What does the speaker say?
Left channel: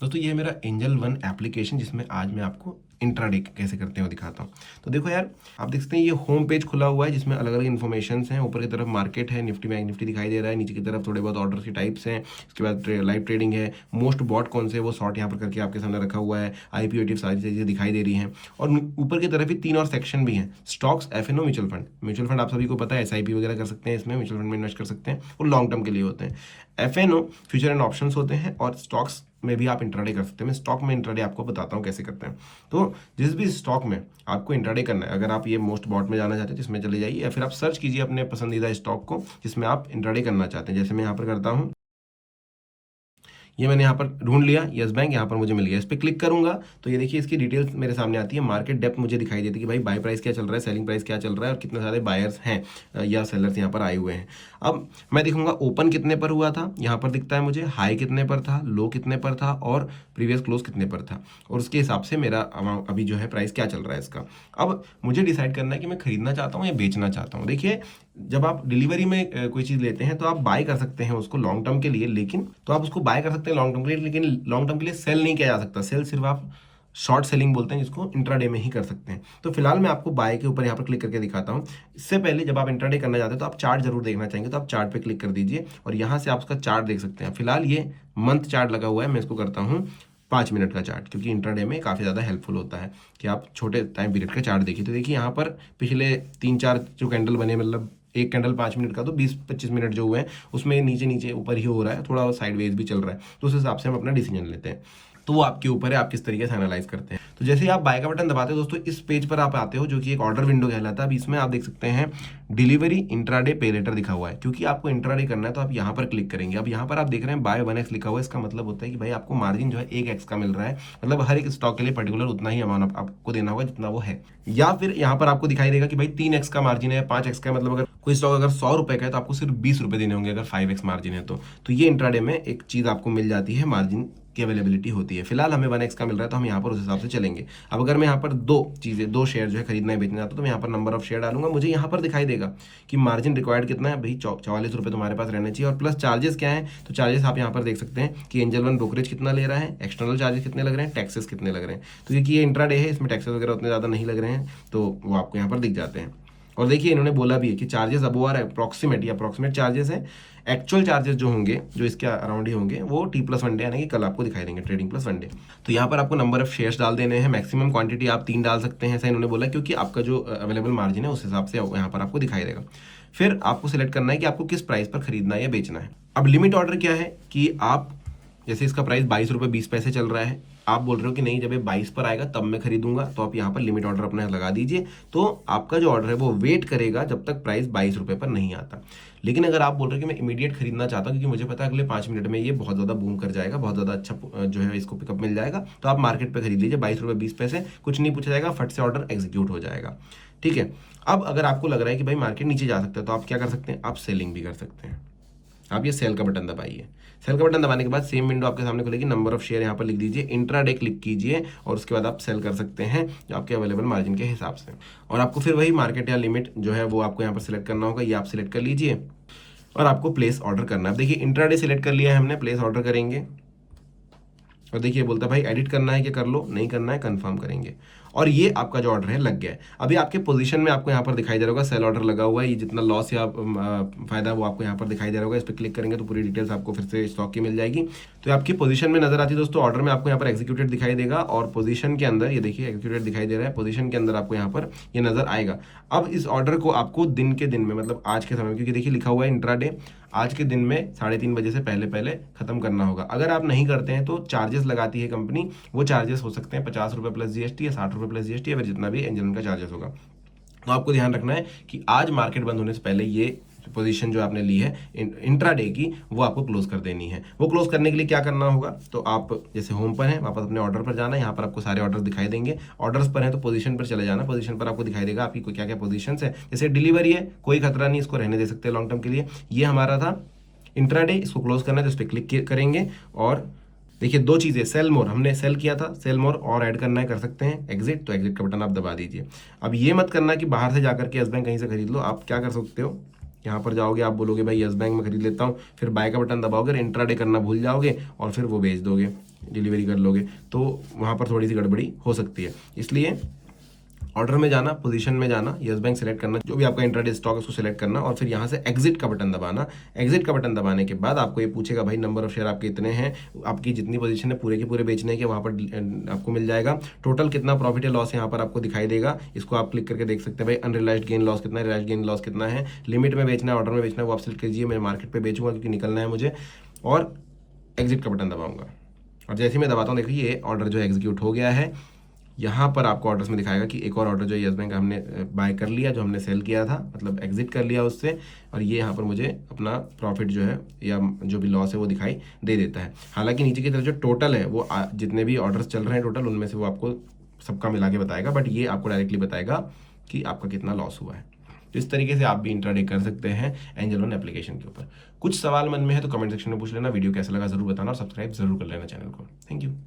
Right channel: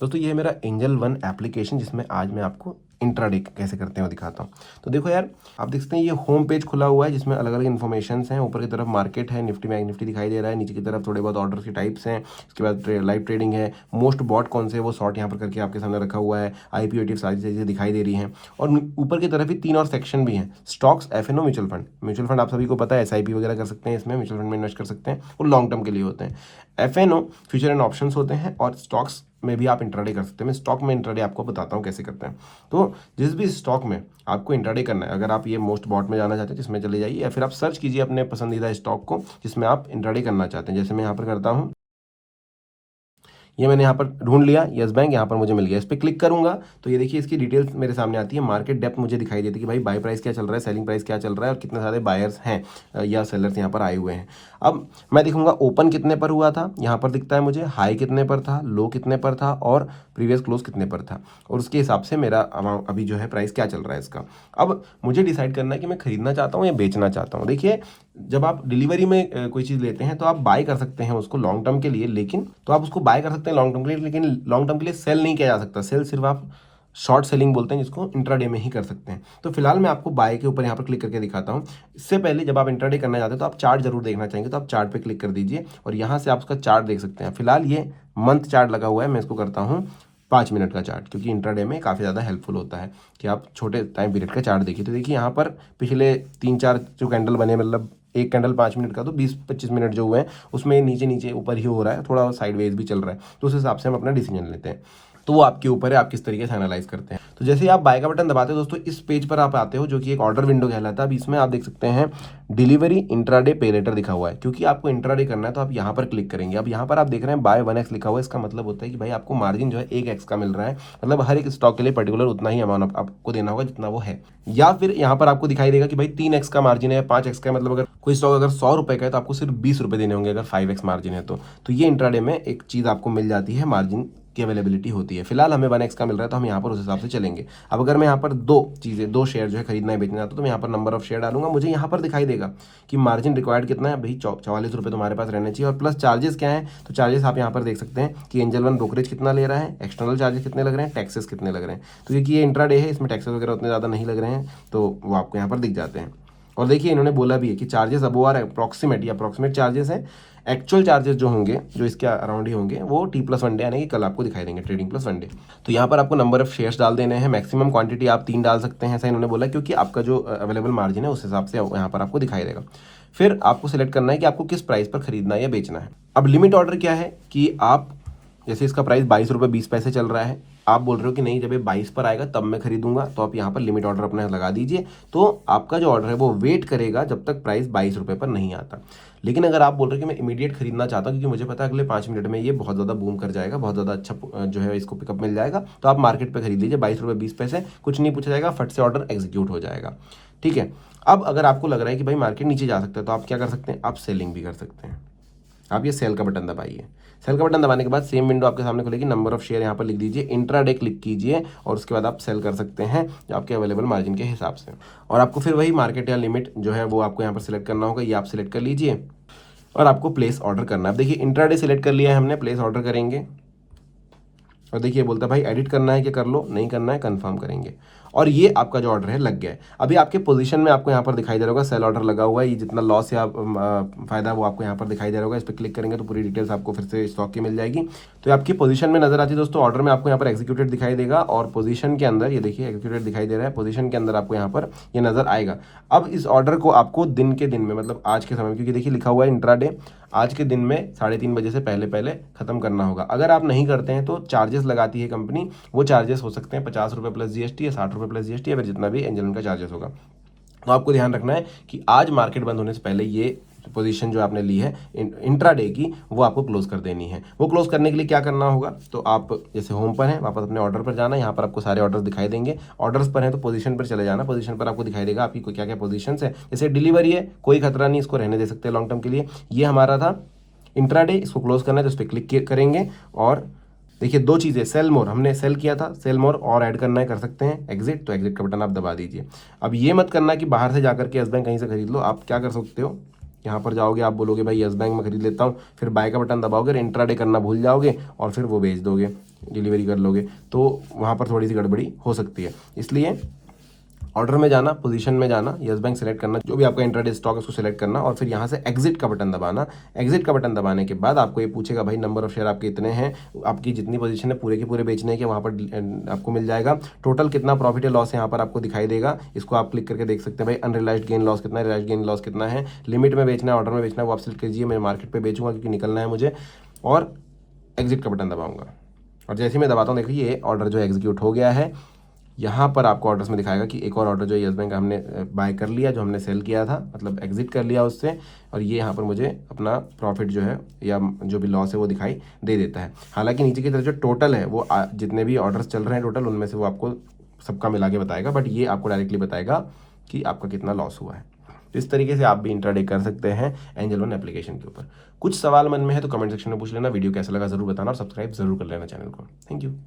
दोस्तों ये है मेरा एंजल वन एप्लीकेशन, जिसमें आज मैं आपको इंट्राडे कैसे करते हैं वो दिखाता हूँ। तो देखो यार, आप देख सकते हैं ये होम पेज खुला हुआ है जिसमें अलग अलग इन्फॉर्मेशन हैं। ऊपर की तरफ मार्केट है, निफ्टी में निफ्टी दिखाई दे रहा है, नीचे की तरफ थोड़े बहुत ऑर्डर के टाइप्स हैं, इसके बाद लाइव ट्रेडिंग है, मोस्ट बॉट कौन से है वो शॉर्ट यहाँ पर करके आपके सामने रखा हुआ है, IPO ETF सारी चीज़ें दिखाई दे रही हैं। और ऊपर की तरफ ही 3 और सेक्शन भी हैं, stocks, FNO, mutual fund. Mutual fund आप सभी को पता है, SIP वगैरह कर सकते हैं, इसमें म्यूचुअल फंड में इन्वेस्ट कर सकते हैं, वो लॉन्ग टर्म के लिए होते हैं। FNO फ्यूचर एंड ऑप्शंस होते हैं, और स्टॉक्स में भी आप इंट्राडे कर सकते हैं। मैं स्टॉक में इंट्राडे आपको बताता हूँ कैसे करते हैं। तो जिस भी स्टॉक में आपको इंट्राडे करना है, अगर आप ये मोस्ट बॉट में जाना चाहते हैं जिसमें चले जाइए, या फिर आप सर्च कीजिए अपने पसंदीदा स्टॉक को जिसमें आप इंट्राडे करना चाहते हैं। जैसे मैं यहाँ पर करता हूँ, ये मैंने यहाँ पर ढूंढ लिया, यस बैंक यहाँ पर मुझे मिल गया। इस पर क्लिक करूंगा तो ये देखिए इसकी डिटेल्स मेरे सामने आती है। मार्केट डेप्थ मुझे दिखाई देती है कि भाई बाय प्राइस क्या चल रहा है, सेलिंग प्राइस क्या चल रहा है, और कितने सारे बायर्स हैं या सेलर्स यहाँ पर आए हुए हैं। अब मैं देखूंगा ओपन कितने पर हुआ था, यहाँ पर दिखता है मुझे हाई कितने पर था, लो कितने पर था, और प्रीवियस क्लोज कितने पर था, और उसके हिसाब से मेरा अभी जो है प्राइस क्या चल रहा है इसका। अब मुझे डिसाइड करना है कि मैं खरीदना चाहता हूँ या बेचना चाहता हूँ। देखिए, जब आप डिलीवरी में कोई चीज़ लेते हैं तो आप बाय कर सकते हैं उसको लॉन्ग टर्म के लिए, लेकिन तो आप उसको बाय कर सकते हैं लॉन्ग टर्म के लिए, लेकिन लॉन्ग टर्म के लिए सेल नहीं किया जा सकता। सेल सिर्फ आप शॉर्ट सेलिंग बोलते हैं जिसको, इंट्राडे में ही कर सकते हैं। तो फिलहाल मैं आपको बाय के ऊपर यहाँ पर क्लिक करके दिखाता हूँ। इससे पहले जब आप इंट्राडे करना चाहते हैं तो आप चार्ट जरूर देखना चाहेंगे, तो आप चार्ट पे क्लिक कर दीजिए और यहाँ से आप उसका चार्ट देख सकते हैं। फिलहाल ये मंथ चार्ट लगा हुआ है, मैं इसको करता हूँ 5 मिनट का चार्ट, क्योंकि इंट्राडे में काफ़ी ज़्यादा हेल्पफुल होता है कि आप छोटे टाइम पीरियड का चार्ट देखिए। तो देखिए यहाँ पर पिछले 3-4 जो कैंडल बने, मतलब एक कैंडल 5 मिनट का, तो 20-25 मिनट जो हुए हैं उसमें नीचे नीचे ऊपर ही हो रहा है, थोड़ा साइडवेज भी चल रहा है। तो उस हिसाब से हम अपना डिसीजन लेते हैं। तो वो आपके ऊपर है, आप किस तरीके से एनालाइज करते हैं। तो जैसे ही आप बाय का बटन दबाते हो दोस्तों, इस पेज पर आप आते हो जो कि एक ऑर्डर विंडो कहलाता है। अब इसमें आप देख सकते हैं डिलीवरी इंट्राडे पे लेटर लिखा हुआ है, क्योंकि आपको इंट्राडे करना है तो आप यहाँ पर क्लिक करेंगे। अब यहाँ पर आप देख रहे हैं बाय 1x लिखा हुआ है, इसका मतलब होता है कि भाई आपको मार्जिन जो है 1x का मिल रहा है, मतलब हर एक स्टॉक के लिए पर्टिकुलर उतना ही अमाउंट आपको देना होगा जितना वो है। या फिर यहाँ पर आपको दिखाई देगा कि भाई 3x का मार्जिन है, 5x का, मतलब अगर कोई स्टॉक अगर 100 रुपए का है तो आपको सिर्फ 20 रुपए देने होंगे अगर 5x मार्जिन है तो ये इंट्राडे में एक चीज आपको मिल जाती है, मार्जिन की अवेलेबिलिटी होती है। फिलहाल हमें 1x का मिल रहा है तो हम यहाँ पर उस हिसाब से चलेंगे। अब अगर मैं यहाँ पर दो शेयर जो है खरीदना है बेचना चाहता हूँ, तो मैं यहाँ पर नंबर ऑफ शेयर डालूंगा। मुझे यहाँ पर दिखाई देगा कि मार्जिन रिक्वायर्ड कितना है, भाई 44 रुपये तुम्हारे पास रहने चाहिए, और प्लस चार्जेस क्या है। तो चार्जेस आप यहाँ पर देख सकते हैं कि एंजल वन ब्रोकरेज कितना ले रहा है, एक्सटर्नल चार्जेस कितने लग रहे हैं, टैक्सेस कितने लग रहे हैं। तो क्योंकि ये इंट्राडे है, इसमें टैक्सेस वगैरह उतने ज़्यादा नहीं लग रहे हैं, तो वो आपको यहाँ पर दिख जाते हैं। और देखिए इन्होंने बोला भी है कि चार्जेस अब आर अप्रोक्सीमेट चार्जेस है। एक्चुअल चार्जेस जो होंगे, जो इसके अराउंड ही होंगे, वो T+1 डे यानी कि कल आपको दिखाई देंगे, ट्रेडिंग प्लस 1 डे। तो यहाँ पर आपको नंबर ऑफ शेयर्स डाल देने हैं, मैक्सिमम क्वांटिटी आप 3 डाल सकते हैं, ऐसा इन्होंने बोला, क्योंकि आपका जो अवेलेबल मार्जिन है उस हिसाब से यहाँ पर आपको दिखाई देगा। फिर आपको सिलेक्ट करना है कि आपको किस प्राइस पर खरीदना है या बेचना है। अब लिमिट ऑर्डर क्या है कि आप, जैसे इसका प्राइस 22 रुपये 20 पैसे चल रहा है, आप बोल रहे हो कि नहीं जब ये 22 पर आएगा तब मैं खरीदूंगा, तो आप यहाँ पर लिमिट ऑर्डर अपना लगा दीजिए। तो आपका जो ऑर्डर है वो वेट करेगा जब तक प्राइस 22 रुपये पर नहीं आता। लेकिन अगर आप बोल रहे हो कि मैं इमीडिएट खरीदना चाहता हूँ, क्योंकि मुझे पता है अगले 5 मिनट में ये बहुत ज़्यादा बूम कर जाएगा, बहुत ज़्यादा अच्छा जो है इसको पिकअप मिल जाएगा, तो आप मार्केट पर खरीद लीजिए। 22 रुपये 20 पैसे, कुछ नहीं पूछा जाएगा, फट से ऑर्डर एग्जीक्यूट हो जाएगा। ठीक है। अब अगर आपको लग रहा है कि भाई मार्केट नीचे जा सकता है, तो आप क्या कर सकते हैं, आप सेलिंग भी कर सकते हैं। आप ये सेल का बटन दबाइए। सेल का बटन दबाने के बाद सेम विंडो आपके सामने खुलेगी, नंबर ऑफ शेयर यहाँ पर लिख दीजिए, इंट्राडे क्लिक कीजिए, और उसके बाद आप सेल कर सकते हैं आपके अवेलेबल मार्जिन के हिसाब से। और आपको फिर वही मार्केट या लिमिट जो है वो आपको यहाँ पर सिलेक्ट करना होगा, ये आप सिलेक्ट कर लीजिए और आपको प्लेस ऑर्डर करना है। देखिए इंट्राडे सिलेक्ट कर लिया है हमने, प्लेस ऑर्डर करेंगे, और देखिए बोलता है भाई एडिट करना है कि कर लो, नहीं करना है कंफर्म करेंगे, और ये आपका जो ऑर्डर है लग गया है। अभी आपके पोजीशन में आपको यहाँ पर दिखाई दे रहा होगा सेल ऑर्डर लगा हुआ है, ये जितना लॉस या फायदा वो आपको यहाँ पर दिखाई दे रहा होगा। इस पर क्लिक करेंगे तो पूरी डिटेल्स आपको फिर से स्टॉक की मिल जाएगी। तो आपकी पोजीशन में नजर आती है दोस्तों, ऑर्डर में आपको यहाँ पर एग्जीक्यूटेड दिखाई देगा, और पोजीशन के अंदर ये देखिए एग्जीक्यूटेड दिखाई दे रहा है, पोजीशन के अंदर आपको यहाँ पर ये नजर आएगा। अब इस ऑर्डर को आपको दिन के दिन में, मतलब आज के समय, क्योंकि देखिए लिखा हुआ है इंट्राडे, आज के दिन में 3:30 बजे से पहले पहले खत्म करना होगा। अगर आप नहीं करते हैं तो चार्जेस लगाती है कंपनी, वो चार्जेस हो सकते हैं 50 रुपये प्लस GST या 60 रुपये प्लस GST, या फिर जितना भी एंजल का चार्जेस होगा। तो आपको ध्यान रखना है कि आज मार्केट बंद होने से पहले ये पोजीशन जो आपने ली है इंट्राडे की, वो आपको क्लोज कर देनी है। वो क्लोज करने के लिए क्या करना होगा, तो आप जैसे होम पर है वापस अपने ऑर्डर पर जाना, यहाँ पर आपको सारे ऑर्डर दिखाई देंगे। ऑर्डर्स पर है तो पोजीशन पर चले जाना, पोजीशन पर आपको दिखाई देगा आपकी क्या क्या पोजीशन है। जैसे डिलीवरी है, कोई खतरा नहीं, इसको रहने दे सकते हैं लॉन्ग टर्म के लिए। ये हमारा था इंट्राडे, इसको क्लोज करना है तो इस पर क्लिक करेंगे, और देखिए 2 चीज़ें, सेल मोर हमने सेल किया था, सेल मोर और ऐड करना है, कर सकते हैं एग्जिट, तो एग्जिट का बटन आप दबा दीजिए। अब ये मत करना कि बाहर से जाकर के यस बैंक कहीं से खरीद लो। आप क्या कर सकते हो, यहाँ पर जाओगे, आप बोलोगे भाई यस बैंक में खरीद लेता हूँ, फिर बाय का बटन दबाओगे, इंट्राडे करना भूल जाओगे और फिर वो बेच दोगे। डिलीवरी कर लोगे तो वहाँ पर थोड़ी सी गड़बड़ी हो सकती है। इसलिए ऑर्डर में जाना, पोजीशन में जाना, यस बैंक सेलेक्ट करना, जो भी आपका इंट्राडे स्टॉक है उसको सेलेक्ट करना और फिर यहाँ से एग्जिट का बटन दबाना। एग्जिट का बटन दबाने के बाद आपको ये पूछेगा भाई नंबर ऑफ शेयर आपके इतने हैं, आपकी जितनी पोजीशन है पूरे के पूरे बेचने के, वहाँ पर आपको मिल जाएगा। टोटल कितना प्रॉफिट है लॉस है यहाँ पर आपको दिखाई देगा, इसको आप क्लिक करके देख सकते हैं भाई अनरियलाइज्ड गेन लॉस कितना है, रियलाइज्ड गेन लॉस कितना है, लिमिट में बेचना है, ऑर्डर में बेचना है, वो आप सिलेक्ट कीजिए। मैं मार्केट पे बेचूंगा क्योंकि निकलना है मुझे, और एग्जिट का बटन दबाऊंगा। और जैसे ही मैं दबाता हूँ देखिए ये ऑर्डर जो एग्जीक्यूट हो गया है। यहाँ पर आपको ऑर्डर्स में दिखाएगा कि एक और ऑर्डर जो यस बैंक हमने बाय कर लिया, जो हमने सेल किया था, मतलब एग्जिट कर लिया उससे, और ये यहाँ पर मुझे अपना प्रॉफिट जो है या जो भी लॉस है वो दिखाई दे देता है। हालांकि नीचे की तरफ जो टोटल है वो जितने भी ऑर्डर्स चल रहे हैं टोटल, उनमें से वो आपको सबका मिला के बताएगा, बट ये आपको डायरेक्टली बताएगा कि आपका कितना लॉस हुआ है। इस तरीके से आप भी इंट्राडे कर सकते हैं एंजल वन एप्लीकेशन के ऊपर। कुछ सवाल मन में है तो कमेंट सेक्शन में पूछ लेना। वीडियो कैसा लगा जरूर बताना और सब्सक्राइब जरूर कर लेना चैनल को। Thank you.